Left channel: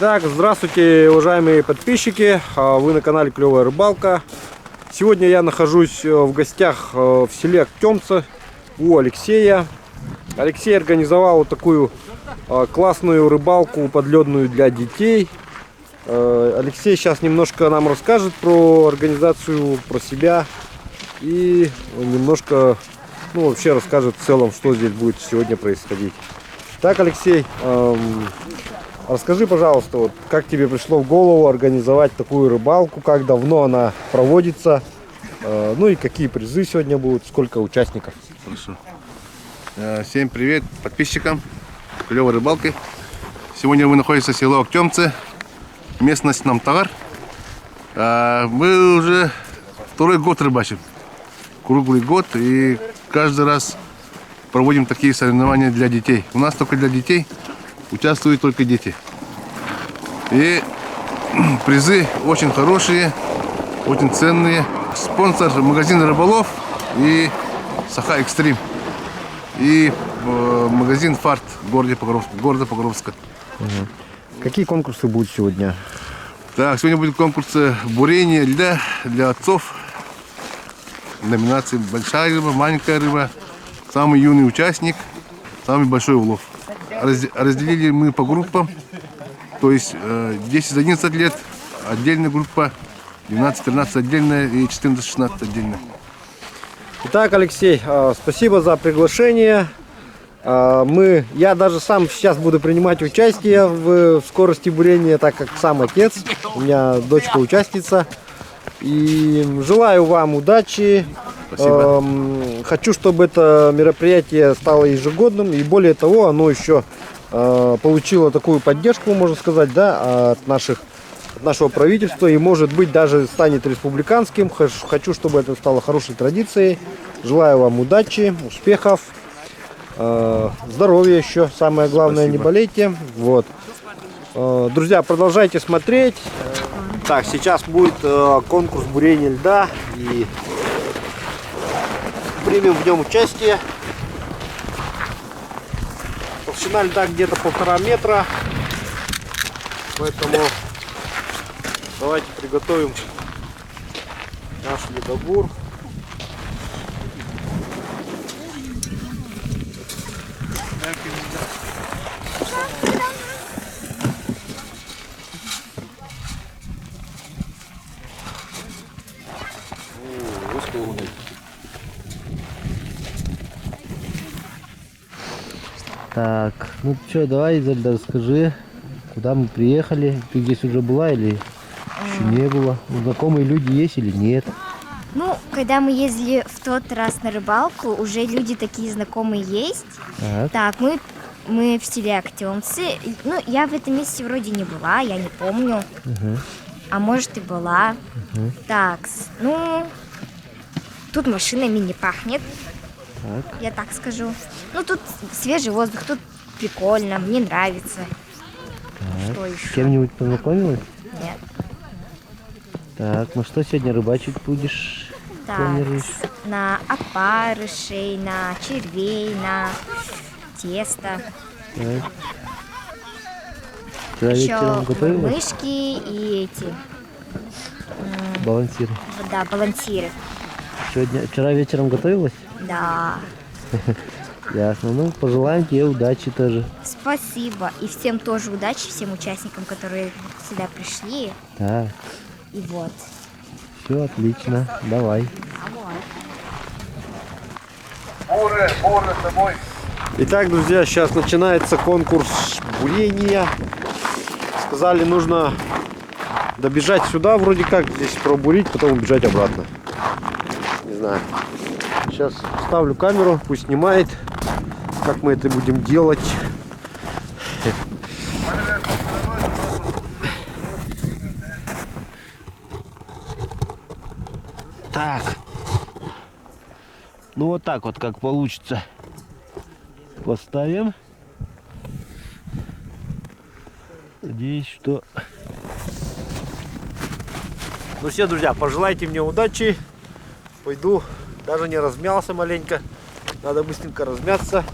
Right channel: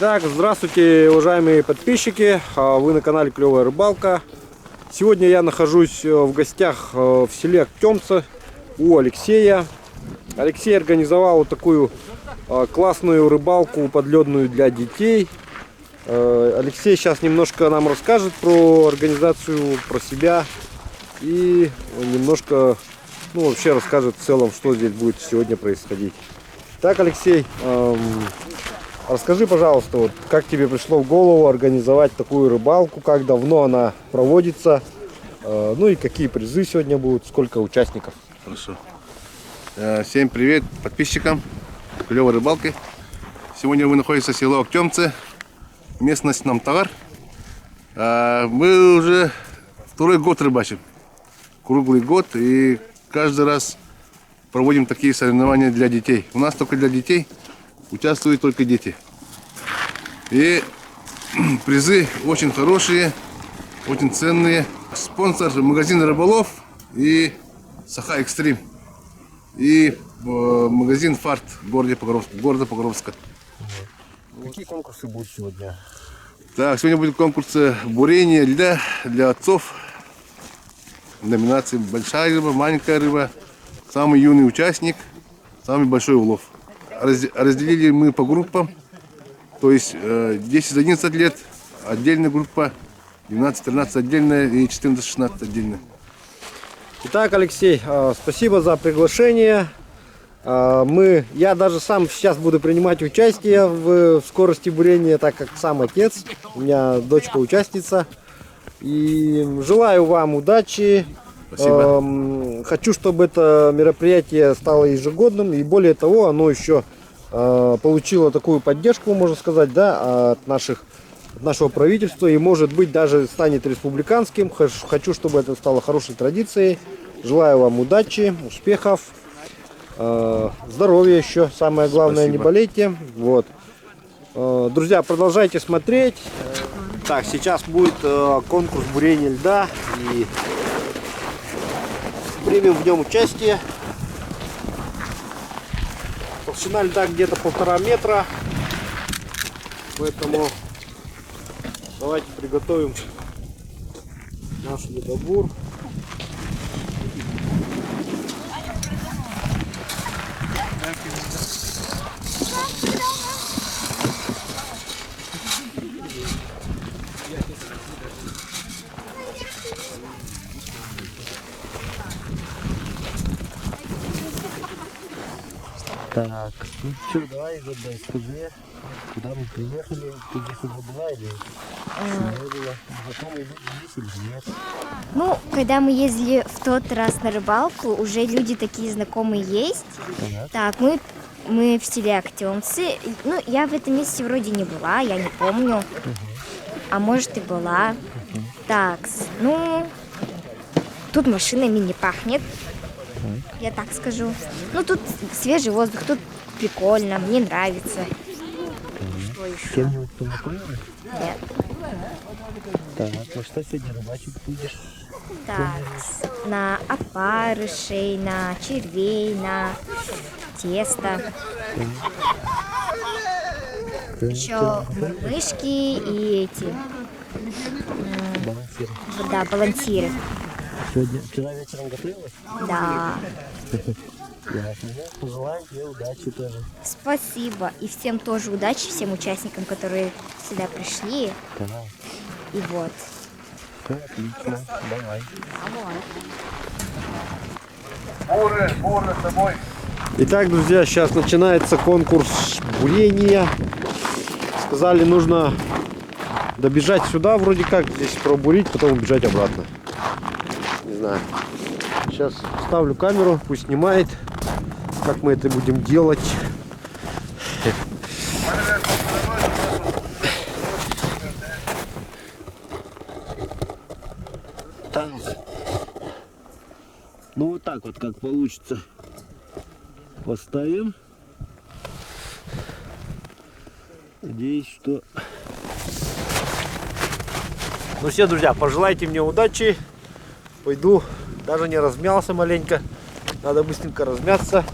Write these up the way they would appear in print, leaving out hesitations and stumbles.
Итак, здравствуйте, уважаемые подписчики, вы на канале Клевая Рыбалка. Сегодня я нахожусь в гостях в селе Актемцы у Алексея. Алексей организовал вот такую классную рыбалку подледную для детей. Алексей сейчас немножко нам расскажет про организацию, про себя и немножко, вообще расскажет в целом, что здесь будет сегодня происходить. Так, Алексей, расскажи, пожалуйста, вот как тебе пришло в голову организовать такую рыбалку, как давно она проводится, ну и какие призы сегодня будут, сколько участников? Хорошо. Всем привет подписчикам Клевой Рыбалки. Сегодня вы находитесь в селе Актемцы, местность Намтагар. Мы уже второй год рыбачим, круглый год, и каждый раз проводим такие соревнования для детей. У нас только для детей, участвуют только дети. И призы очень хорошие, очень ценные. Спонсор магазин Рыболов и Саха Экстрим. И магазин Фарт города Покровска. Какие конкурсы будут сегодня? Так, сегодня будет конкурс бурения льда для отцов. Номинации большая рыба, маленькая рыба, самый юный участник, самый большой улов. Разделили мы по группам, то есть 10-11 лет отдельная группа, 12-13 отдельная и 14-16 отдельная. Итак, Алексей, спасибо за приглашение. Я даже сам сейчас буду принимать участие в скорости бурения, так как сам отец, у меня дочка участница. И желаю вам удачи. Спасибо. Хочу, чтобы это мероприятие стало ежегодным, и более того, оно еще получило такую поддержку, можно сказать, да, от нашего правительства, и может быть даже станет республиканским. Хочу, чтобы это стало хорошей традицией. Желаю вам удачи, успехов, здоровья еще, самое главное. Спасибо. Не болейте. Вот. Друзья, продолжайте смотреть. Так, сейчас будет конкурс бурения льда, и примем в нем участие. Толщина льда где-то 1,5 метра, поэтому давайте приготовим наш ледобур. Так, ну что, давай, Изабель, расскажи, куда мы приехали. Ты здесь уже была или не была? Знакомые люди есть или нет? Ну, когда мы ездили в тот раз на рыбалку, уже люди такие знакомые есть. Ага. Так, мы в селе Актемцы. Ну, я в этом месте вроде не была, я не помню. А может и была. Так, ну, тут машинами не пахнет. Так. Я так скажу. Ну, тут свежий воздух, тут прикольно, мне нравится. Что С еще? кем-нибудь познакомилась? Нет. Так, ну что сегодня рыбачить будешь? Так, Планируешь? на опарышей, на червей, на тесто. Ты Еще вечером готовилась? мышки и эти, Балансир. да, балансиры. Вчера вечером готовилась? Да. Ясно. Ну, пожелаем тебе удачи тоже. Спасибо. И всем тоже удачи, всем участникам, которые сюда пришли. Так, И вот. все отлично. Давай. Буры с тобой. Итак, друзья, сейчас начинается конкурс бурения. Сказали, нужно добежать сюда, вроде как здесь пробурить, потом убежать обратно. Не знаю. Сейчас ставлю камеру, пусть снимает, как мы это будем делать. Так. Ну вот так вот, как получится. Поставим. Надеюсь, что... Ну все, друзья, пожелайте мне удачи. Пойду, даже не размялся маленько. Надо быстренько размяться.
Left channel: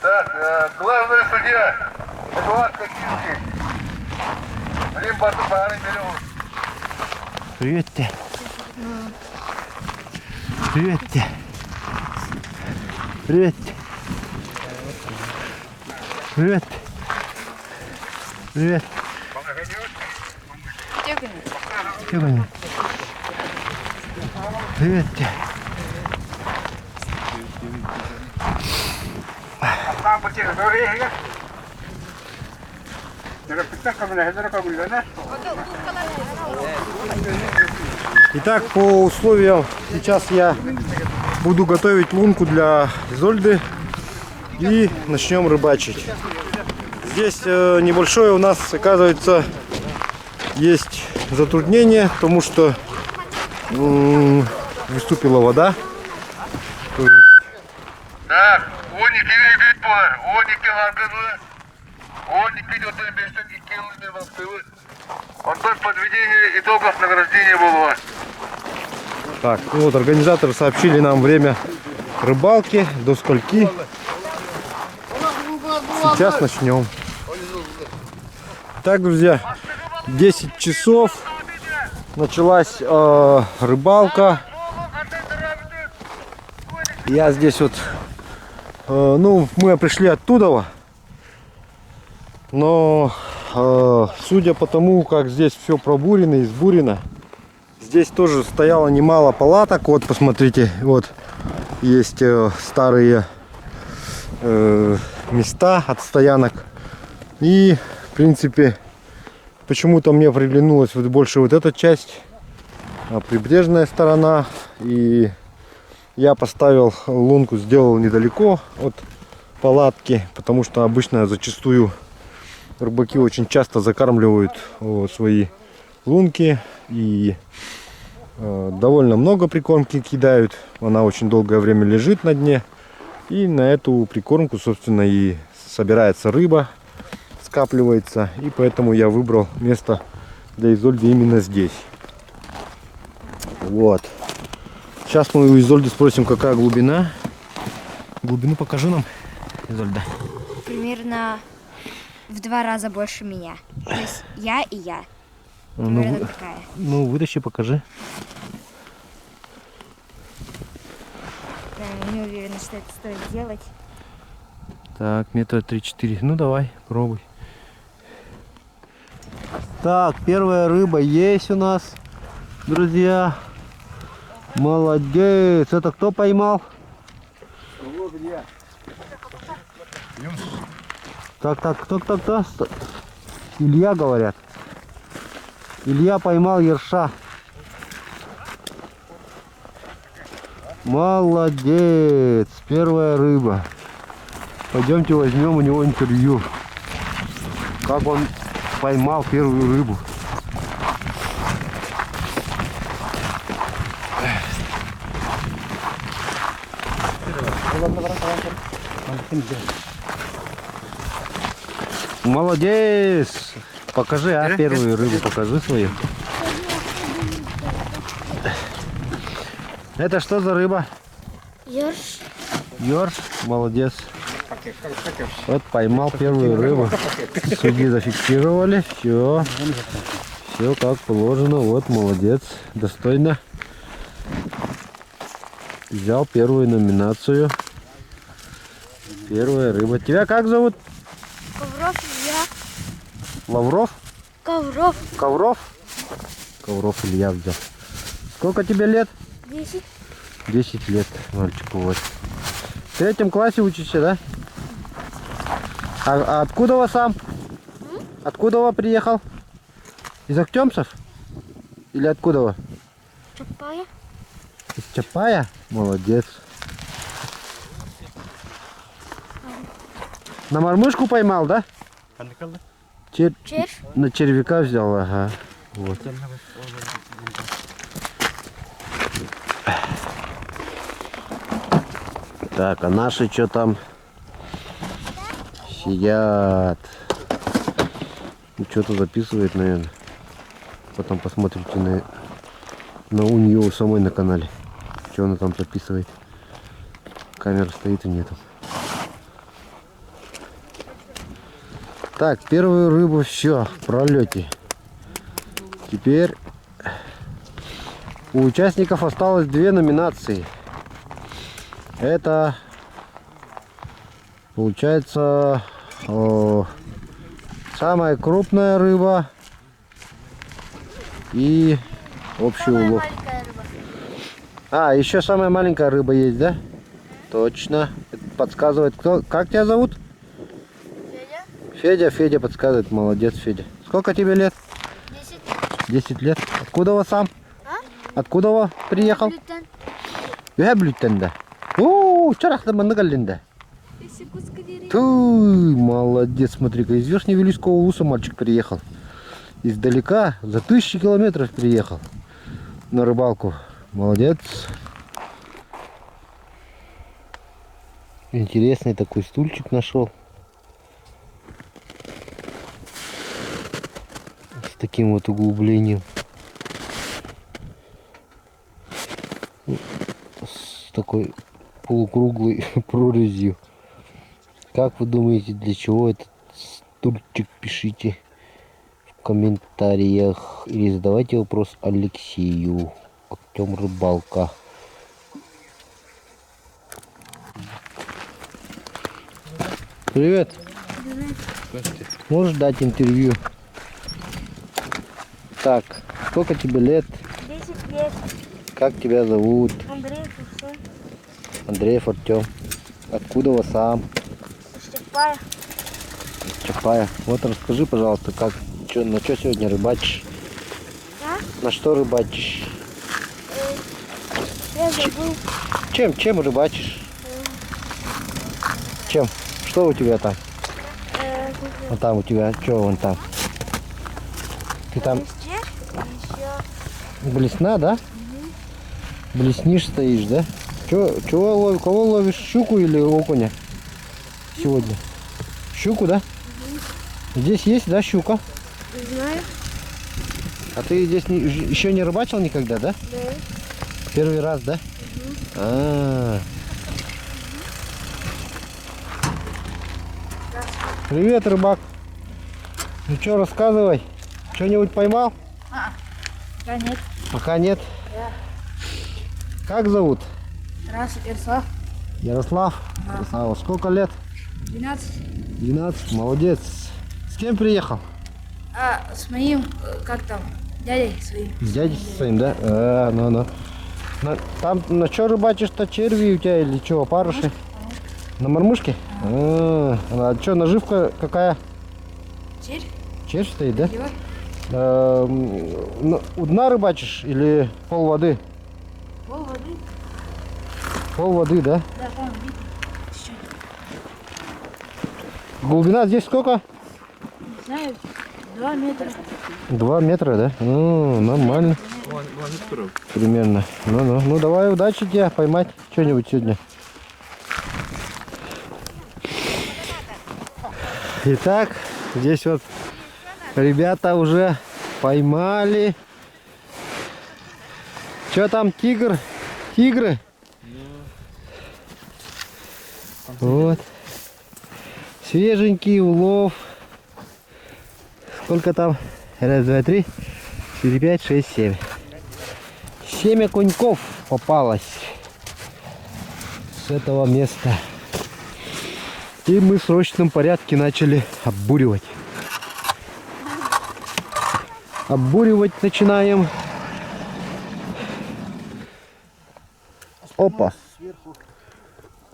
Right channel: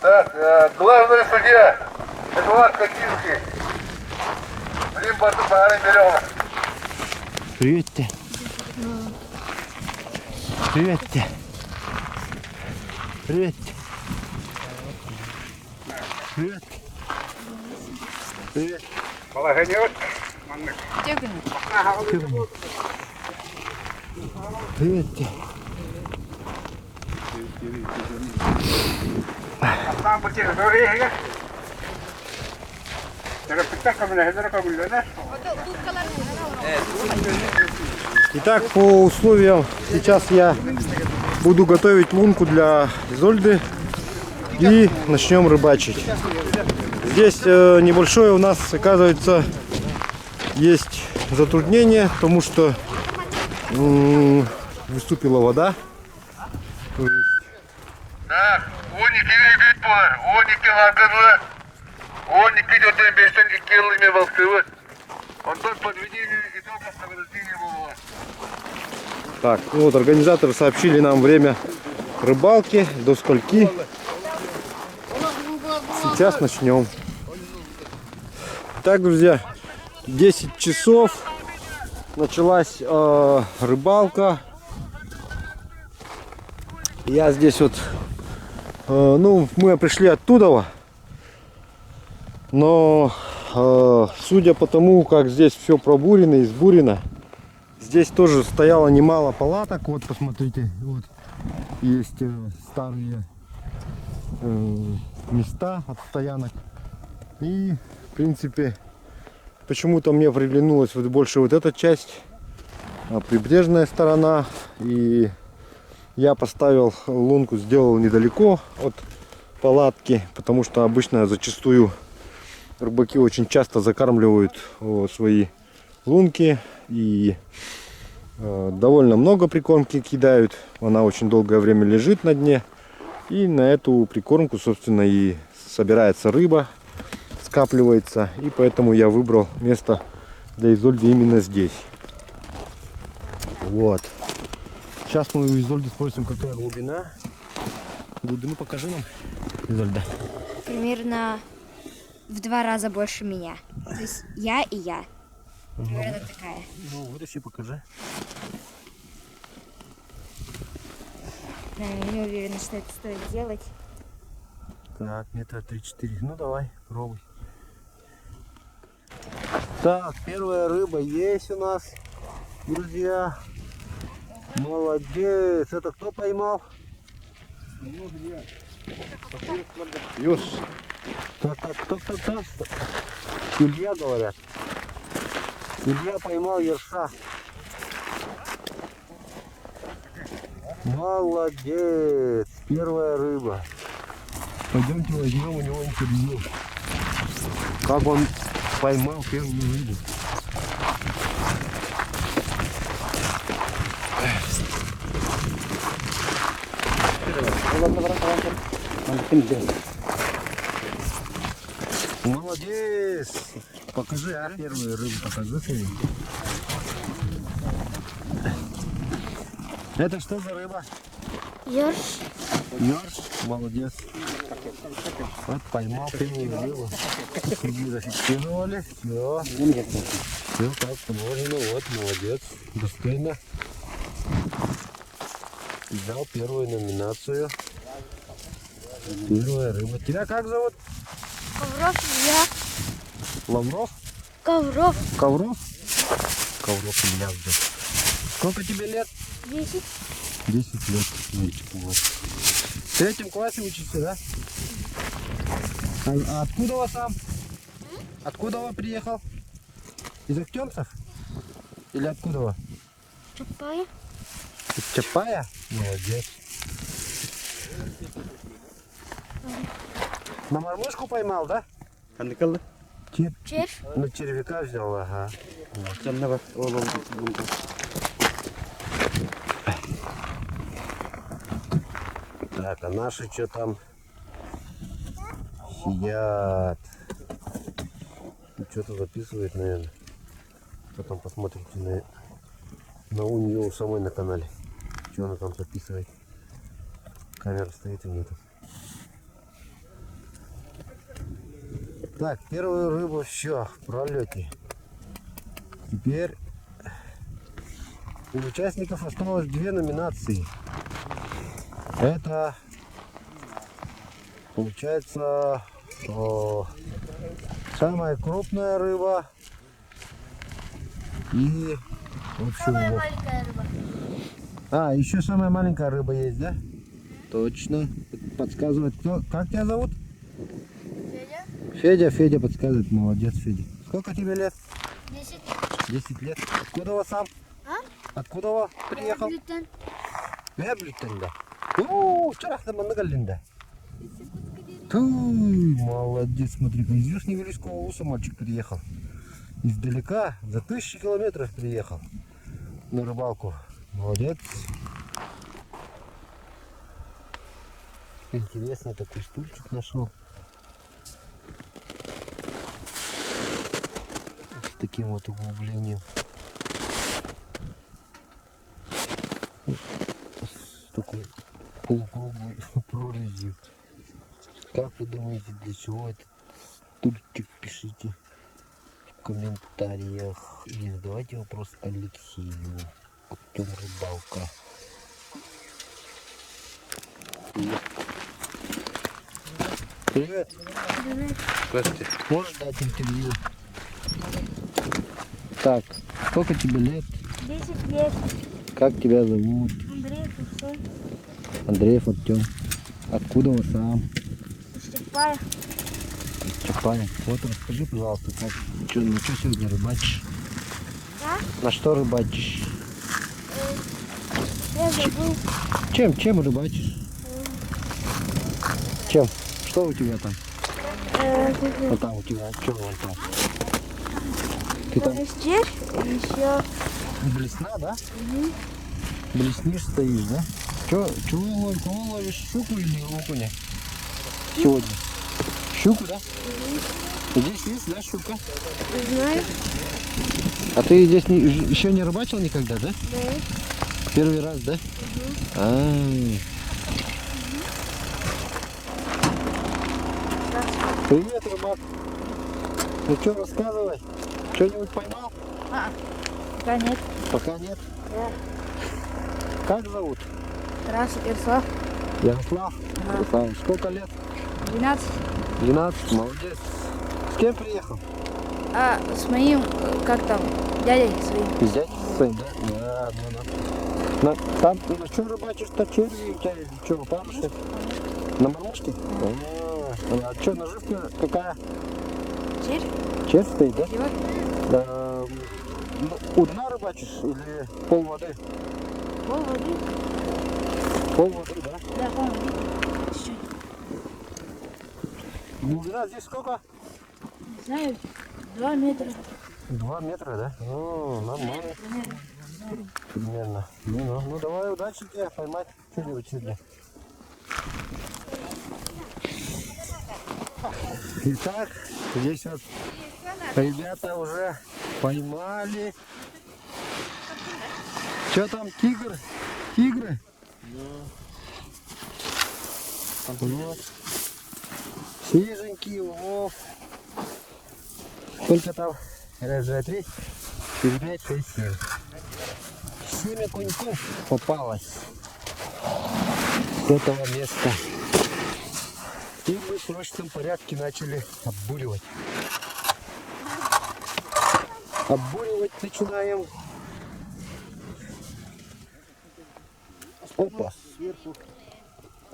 Так, главный судья Эдуард Катинский. Рим Бартубары Миллион. Привет тебе. Привет тебе. Привет тебе. Привет. Привет. Тихо. Привет тебе. Итак, по условиям сейчас я буду готовить лунку для Изольды и начнем рыбачить. Здесь небольшое у нас, оказывается, есть затруднение, потому что выступила вода. Так, 12 bit var. 12 hargırlı. 12 öten 5'ten 2 yıl ime Волховы. Ondan подведение итогов награждения было. Так, ну вот организаторы сообщили нам время рыбалки, до скольки. Сейчас начнем. Так, друзья, 10 часов началась рыбалка. Я здесь вот, ну, мы пришли оттуда, но судя по тому, как здесь все пробурено и сбурено, здесь тоже стояло немало палаток. Вот, посмотрите, вот есть старые места от стоянок. И, в принципе, почему-то мне приглянулась вот больше вот эта часть, прибрежная сторона. И я поставил лунку, сделал недалеко от палатки, потому что обычно зачастую рыбаки очень часто закармливают свои лунки и довольно много прикормки кидают. Она очень долгое время лежит на дне, и на эту прикормку, собственно, и собирается рыба, скапливается. И поэтому я выбрал место для Изольды именно здесь. Вот. Сейчас мы у Изольды спросим, какая глубина. Глубину покажи нам, Изольда. Примерно в 2 раза больше меня. То есть я и я. Примерно такая. Ну, вытащи, покажи. Не уверена, что это стоит делать. Так, метра 3-4. Ну, давай, пробуй. Так, первая рыба есть у нас, друзья. Молодец. Это кто поймал? Так, кто? Илья, говорят. Илья поймал ерша. Молодец. Первая рыба. Пойдемте возьмем у него интервью. Как он поймал первую рыбу. Молодец! Покажи, первую рыбу покажи свою. Это что за рыба? Ёрш. Ёрш, молодец. Вот поймал первую рыбу. Судьи зафиксировали. Все. Все как положено. Вот, молодец. Достойно. Взял первую номинацию. Первая рыба. Тебя как зовут? Ковров Илья. Лавров? Ковров. Ковров? Ковров Илья взял. Сколько тебе лет? 10. 10 лет, мальчику вот. В 3 классе учишься, да? А откуда вы сам? Откуда вы приехал? Из Актемцев? Или откуда вы? Чапая. Из Чапая? Молодец. На мормышку поймал, да? Червь. На червяка взял, ага. Вот. Так, а наши что там? Сидят. Ну, что-то записывает, наверное. Потом посмотрите на у нее у самой на канале. Что она там записывает. Камера стоит и нету. Так, первую рыбу все, в пролете. Теперь у участников осталось 2 номинации. Это получается самая крупная рыба и общий улов. Маленькая рыба. А, еще самая маленькая рыба есть, да? Точно. Это подсказывает кто? Как тебя зовут? Федя. Федя подсказывает. Молодец, Федя. Сколько тебе лет? 10. 10 лет. Откуда вы сам? А? Откуда вы приехал? Блютен. Блютен. О, чарахта мандагалинда. Туй, молодец, смотри-ка, из Верхневилийского улуса мальчик приехал. Издалека, за 1000 километров приехал на рыбалку. Молодец. Интересный такой стульчик нашел. С таким вот углублением. С такой полукруглой прорезью. Как вы думаете, для чего этот стульчик? Пишите в комментариях. Или задавайте вопрос Алексею. Актем рыбалка. Привет. Здравствуйте. Можешь дать интервью? Так, сколько тебе лет? 10 лет. Как тебя зовут? Андрей Курсон. Андреев Артем. Откуда вы сам? Чапая. Из Чапая. Вот расскажи, пожалуйста, как, на что сегодня рыбачишь? А? На что рыбачишь? Я забыл. Чем рыбачишь? Чем? Что у тебя там? Вот там у тебя, что вон там? Ты там Червь. Еще. блесна, да? Блеснишь, стоишь, да? Чего ловишь? Кого ловишь? Щуку или окуня? Сегодня. Щуку, да? Здесь есть, да, щука? Знаю. А ты здесь еще не рыбачил никогда, да? Да. Первый раз, да? Привет, рыбак. Ну что, рассказывай. Что-нибудь поймал? Да нет. Пока нет. Да. Как зовут? Раз, Ярослав. Ярослав. Ярослав. Сколько лет? 12. 12. Молодец. С кем приехал? А с моим, как там, дядей своим. С дядей своим, да? Ну. Там на что рыбачишь-то? Черви у тебя или что, опарыши? На мормышке? А что, наживка какая? Червь. Червь стоит, да? Его. У дна рыбачишь или пол воды? Пол воды. Пол воды, да? Да, пол воды. Чуть-чуть. Глубина здесь сколько? Не знаю, 2 метра. 2 метра, да? Нормально. Примерно. Ну, давай, удачи тебе поймать что-нибудь сегодня. Итак, здесь вот ребята уже поймали. Что там, тигр? Тигры? Вот. Свеженький улов. Сколько там? Раз, два, три, 4, 5, 6, 7. 7 окуньков попалось с этого места. И мы в срочном порядке начали оббуривать. Оббуривать начинаем. Опа.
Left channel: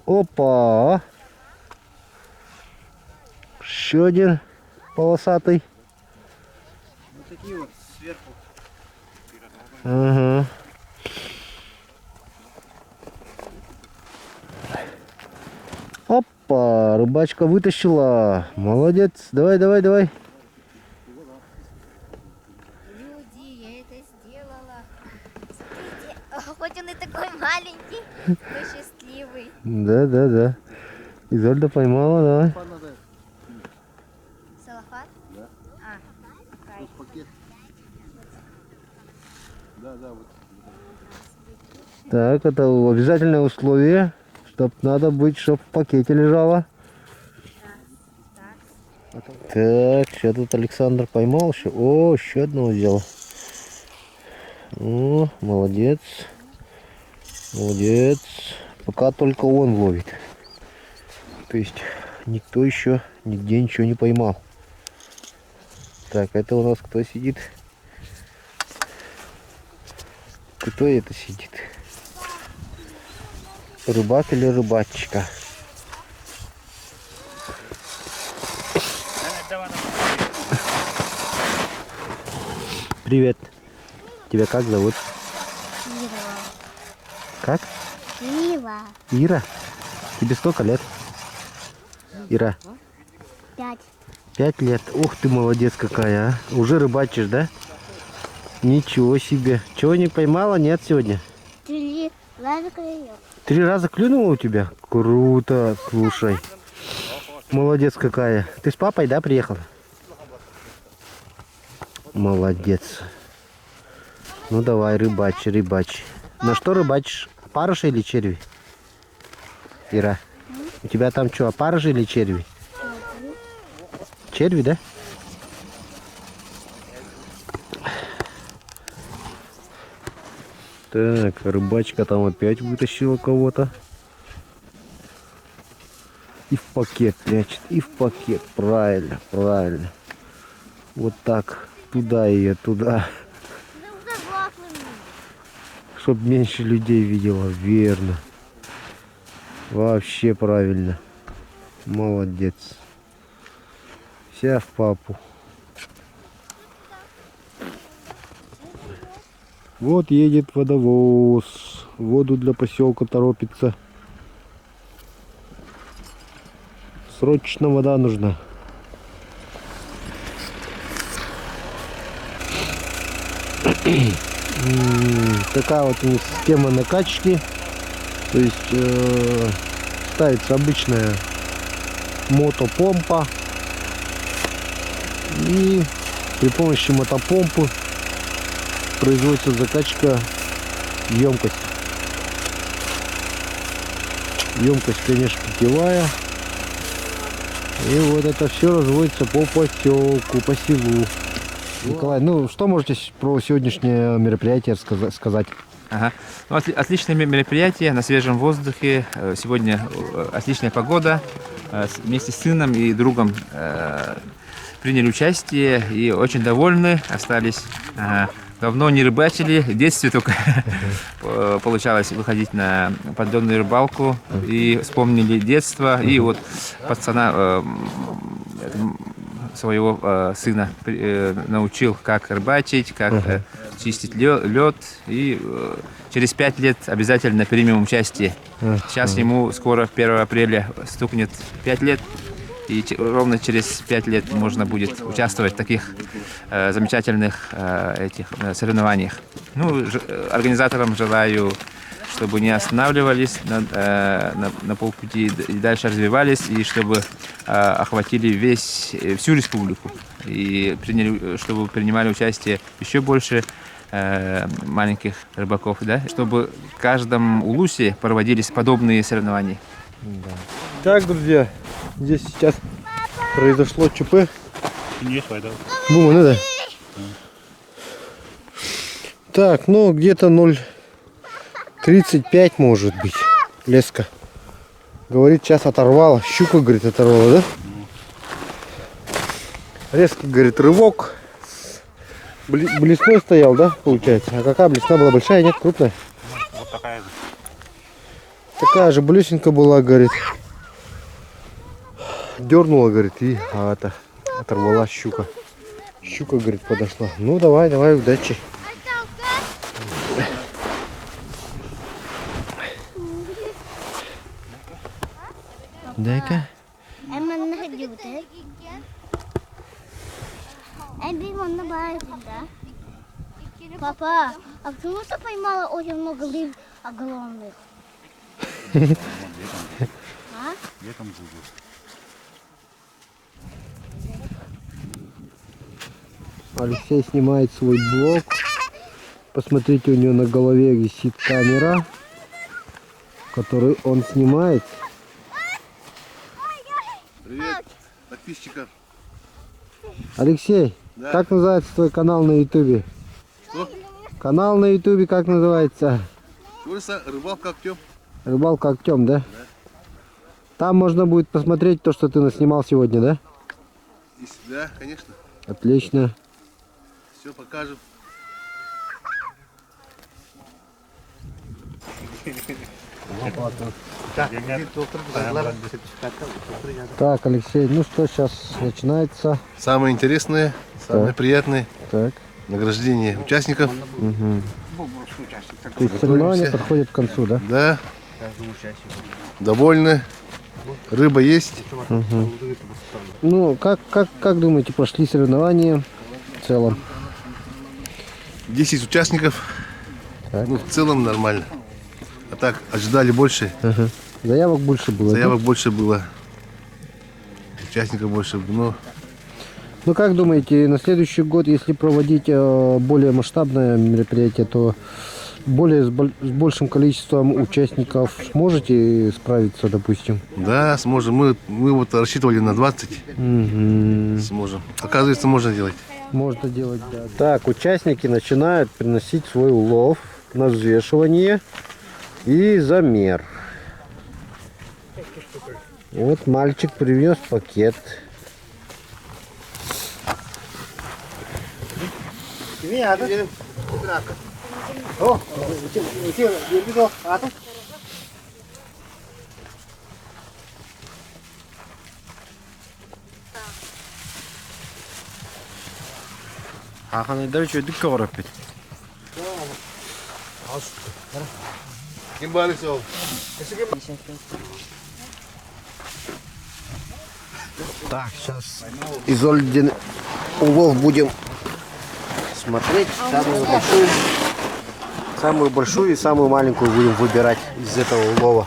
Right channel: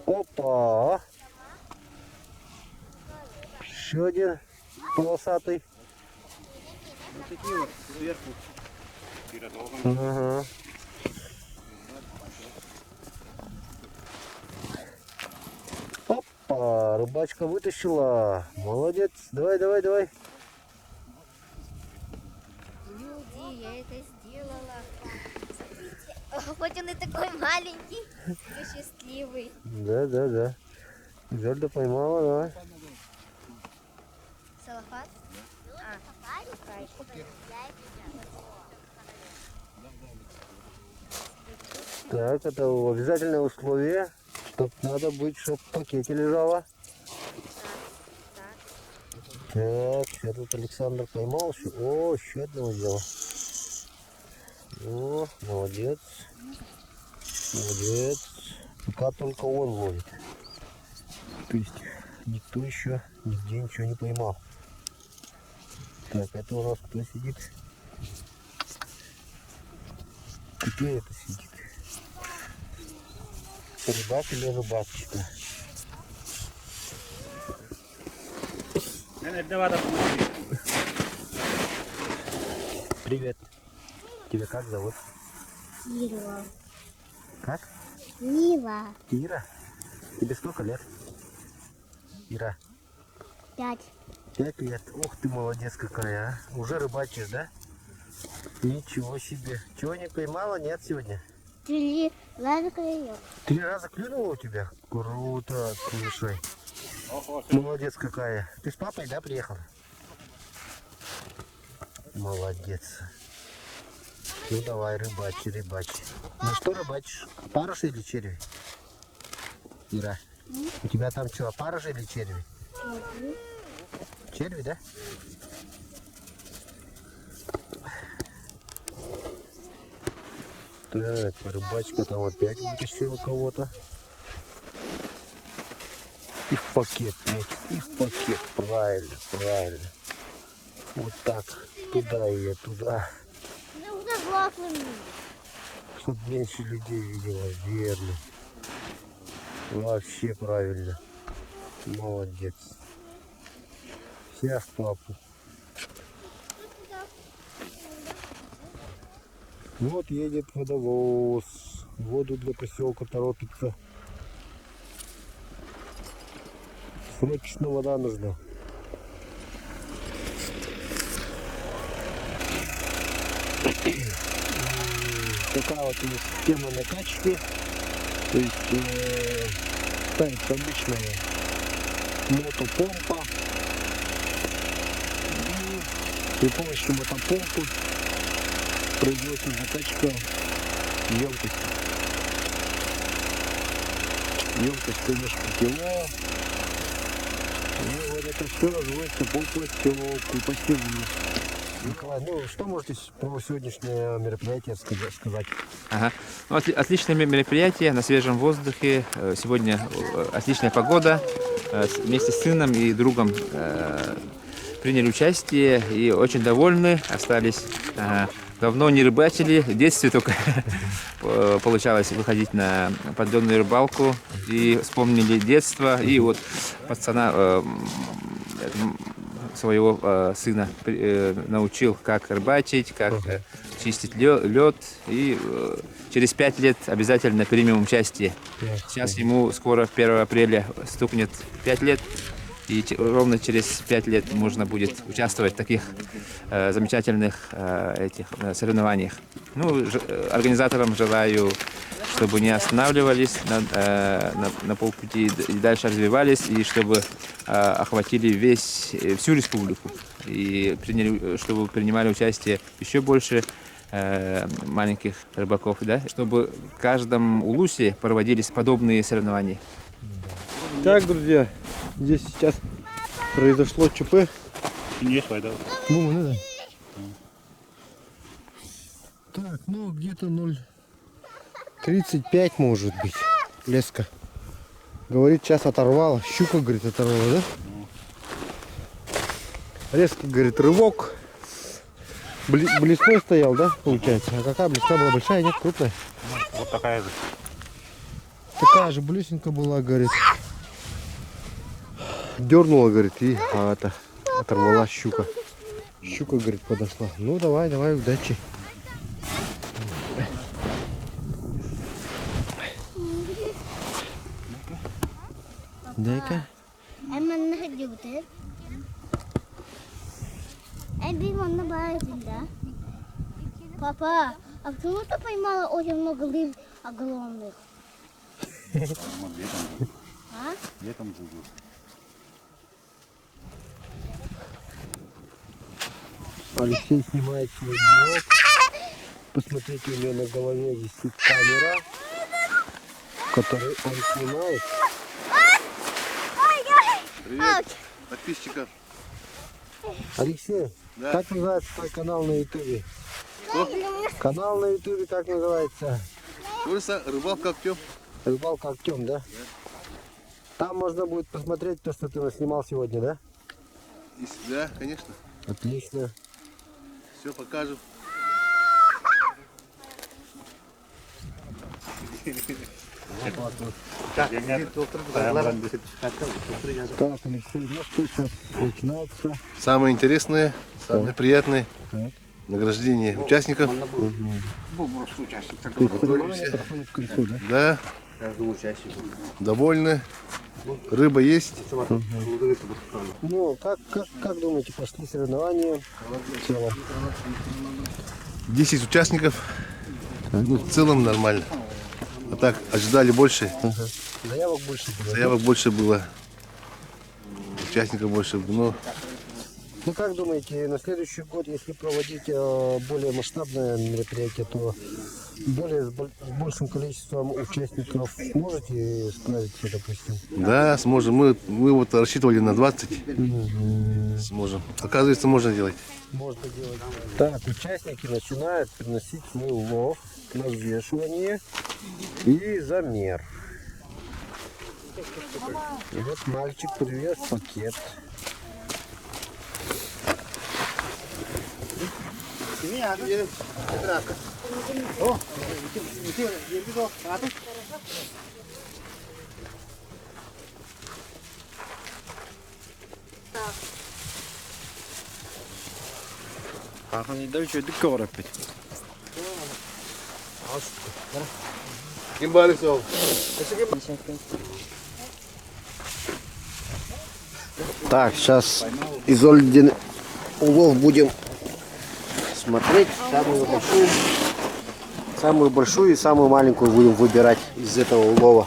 Опа. Еще один полосатый. Вот такие вот сверху. Ага. Опа, рыбачка вытащила. Молодец. Давай, давай, давай. Люди, я это сделала. Смотрите, хоть он и такой маленький, но счастливый. Да, да, да. Изольда поймала, давай. Салафат? Да. Кайф. Так, это обязательное условие, чтоб надо быть, чтоб в пакете лежало. Так, сейчас тут Александр поймал еще. О, еще одного взял. О, молодец. Молодец. Пока только он ловит. То есть никто еще нигде ничего не поймал. Так, это у нас кто сидит? Кто это сидит? Рыбак или рыбачка? Привет. Тебя как зовут? Ира. Как? Ира. Ира? Тебе сколько лет? Ира? 5. 5 лет. Ух ты, молодец какая, а. Уже рыбачишь, да? Ничего себе. Чего не поймала? Нет сегодня? 3 раза клюет. 3 раза клюнула у тебя? Круто, слушай. Молодец какая. Ты с папой, да, приехала? Молодец. Ну давай, рыбачь, рыбачь. На что рыбачишь? Опарыши или черви? Ира, у тебя там что, опарыши или черви? Черви, да? Так, рыбачка там опять вытащила кого-то. И в пакет прячет, и в пакет. Правильно, правильно. Вот так. Туда ее, туда. Чтоб меньше людей видела. Верно. Вообще правильно. Молодец. Вся в папу. Вот едет водовоз. Воду для поселка торопится. Срочно вода нужна. Такая вот у них система накачки. То есть ставится обычная мотопомпа. И при помощи мотопомпы производится закачка емкости. Емкость, конечно, питьевая. И вот это все разводится по поселку, по селу. Николай, ну что можете про сегодняшнее мероприятие сказать? Ага. Ну, отличное мероприятие на свежем воздухе. Сегодня отличная погода. Вместе с сыном и другом приняли участие и очень довольны остались. Давно не рыбачили, в детстве только получалось выходить на поддонную рыбалку и вспомнили детство. И вот пацана своего сына научил, как рыбачить, как чистить лед. И через 5 лет обязательно примем участие. Сейчас ему скоро 1 апреля стукнет 5 лет. И ровно через 5 лет можно будет участвовать в таких замечательных этих соревнованиях. Ну, организаторам желаю, чтобы не останавливались на полпути и дальше развивались, и чтобы охватили всю республику. И чтобы принимали участие еще больше маленьких рыбаков, да, чтобы в каждом улусе проводились подобные соревнования. Так, друзья, здесь сейчас произошло ЧП. Бума, ну да. Так, ну где-то 0,35 может быть. Леска. Говорит, сейчас оторвала. Щука, говорит, оторвала, да? Резко, говорит, рывок. Блесной стоял, да, получается? А какая блесна была? Большая, нет? Крупная? Вот такая же. Такая же блесенка была, говорит. Дернула, говорит, и оторвала щука. Щука, говорит, подошла. Ну, давай, удачи. Дай-ка. Папа, а почему ты поймала очень много рыб огромных? Летом будут. Алексей снимает свой блог. Посмотрите, у него на голове висит камера, в которой он снимает. Привет, подписчикам. Алексей, Да. как называется твой канал на ютубе? Что? Канал на ютубе как называется? Курса рыбалка Актем. Рыбалка Актем, да? Там можно будет посмотреть то, что ты наснимал сегодня, да? Да, конечно. Отлично. Все покажем. Так, Алексей, ну что, сейчас начинается. Самое интересное, самое приятное Так. награждение участников. То есть соревнования подходят к концу, да? Да. Довольны. Рыба есть. Ну, как думаете, прошли соревнования в целом? 10 участников. Так. Ну, в целом нормально. А так, ожидали больше. Ага. Заявок больше было. да? Заявок больше было. Участников больше. Но Ну, как думаете, на следующий год, если проводить более масштабное мероприятие, то с большим количеством участников сможете справиться, допустим? да, сможем. Мы вот рассчитывали на 20. Сможем. Оказывается, можно делать. Можно делать. Так, участники начинают приносить свой улов на взвешивание и замер. И вот мальчик принес пакет. Аханы да что дикка барып бит. Так, сейчас изольден улов будем смотреть. Самую большую и самую маленькую будем выбирать из этого улова.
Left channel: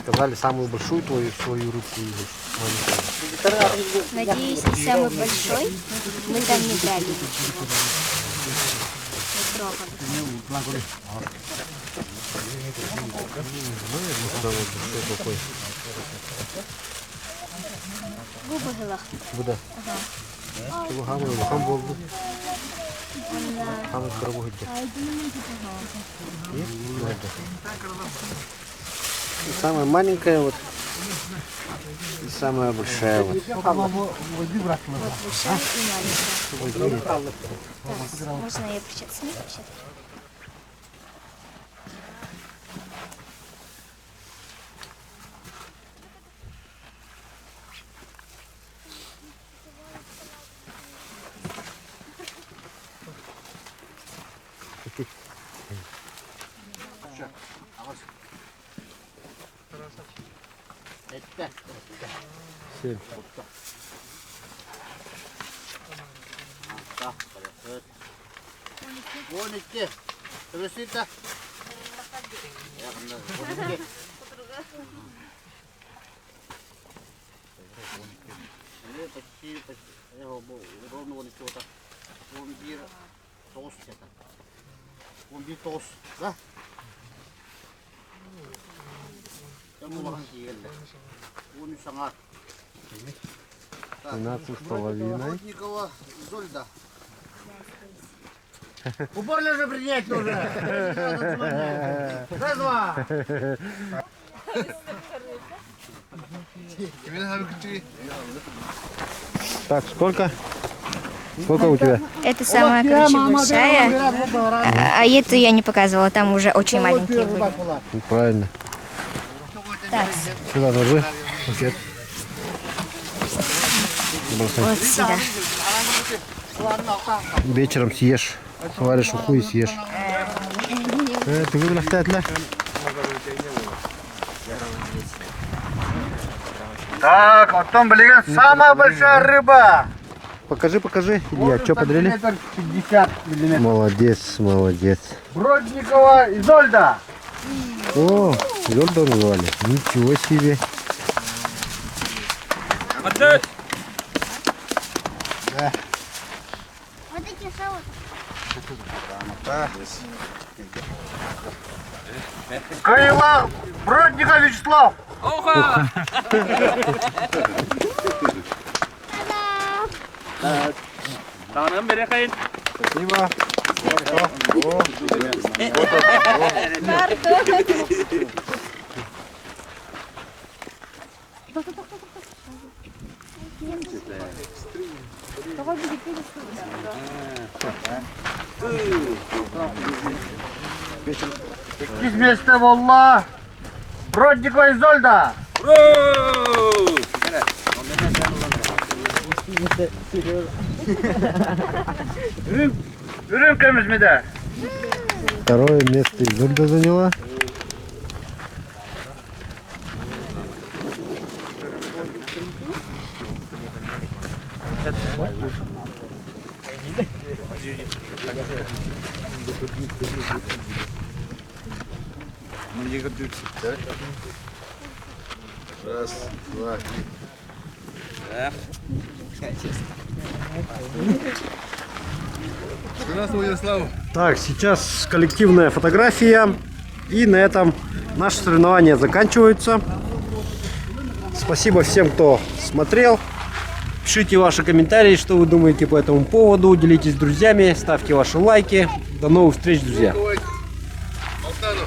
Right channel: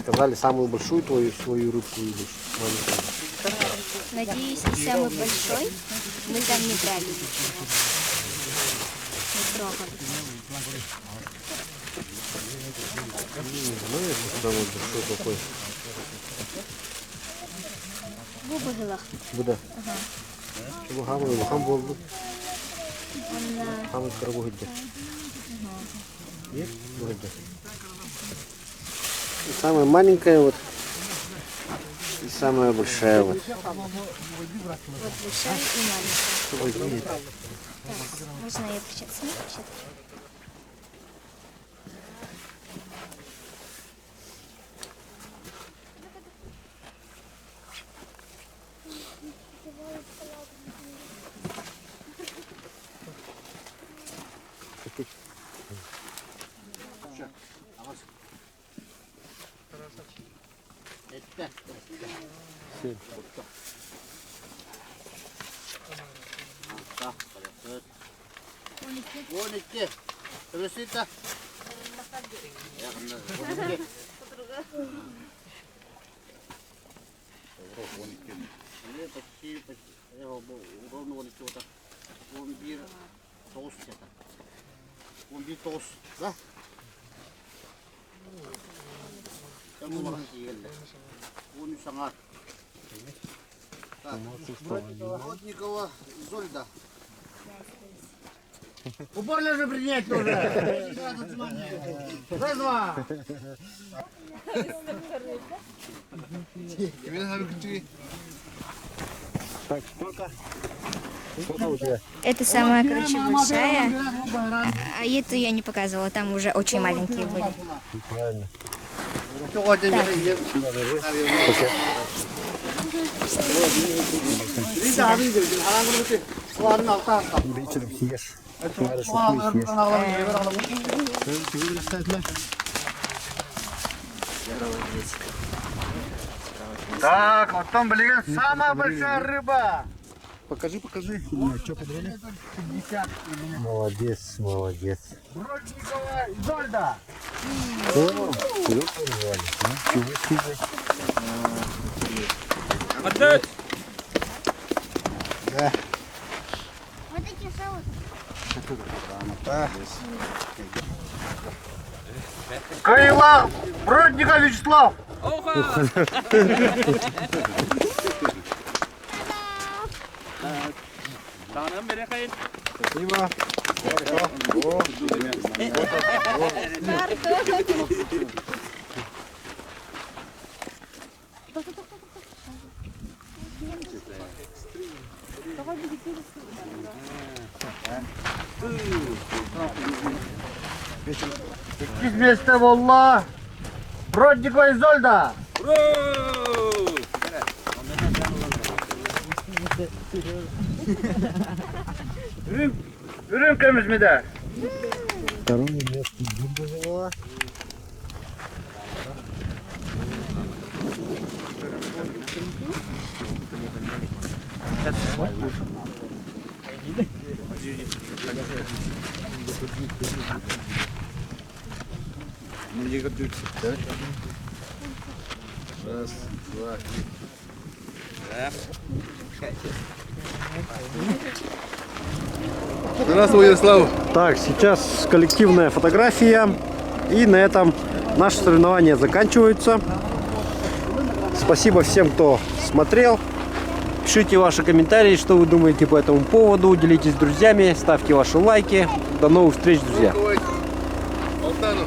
Сказали самую большую свою рыбку или маленькую. Надеюсь, и самый большой мы там не брали. Не трогали. Самый большой какой? Губы гылах. Буде. Чего гамы, хам болды. Хамы коробу гидде. И самая маленькая вот. И самая большая вот. Вот большая и маленькая. Так, можно ее причать? Сними причать? тост это. 11 тост, да? Я могу еле. 13 саңат. 12,5. Родникова Зольда. Уборно же принять уже. Раз-два. Так, сколько? Сколько у тебя? Это самая, короче, большая. А эту я не показывала, там уже очень маленькие были. Ну, правильно. Так, Сюда ложи пакет. вот сюда. Вечером съешь. Сваришь уху и съешь. Ты выбрал оставить, да? Так, вот там, блин, самая большая рыба. Покажи, покажи. Илья, что подарили? 50 миллиметров. Молодец, молодец. Бродникова Изольда. О, Йорда назвали. Ничего себе. Вот такие соусы. Крылах Бродников Вячеслав. Спасибо. Из места Волла. Бродникова Изольда. Рюмками медаль. Второе место Йорда заняла. Раз, два, здравствуй, Ярослав. Так, сейчас коллективная фотография. И на этом наши соревнования заканчиваются. Спасибо всем, кто смотрел. Пишите ваши комментарии, что вы думаете по этому поводу. Делитесь с друзьями, ставьте ваши лайки. До новых встреч, друзья. Алтану.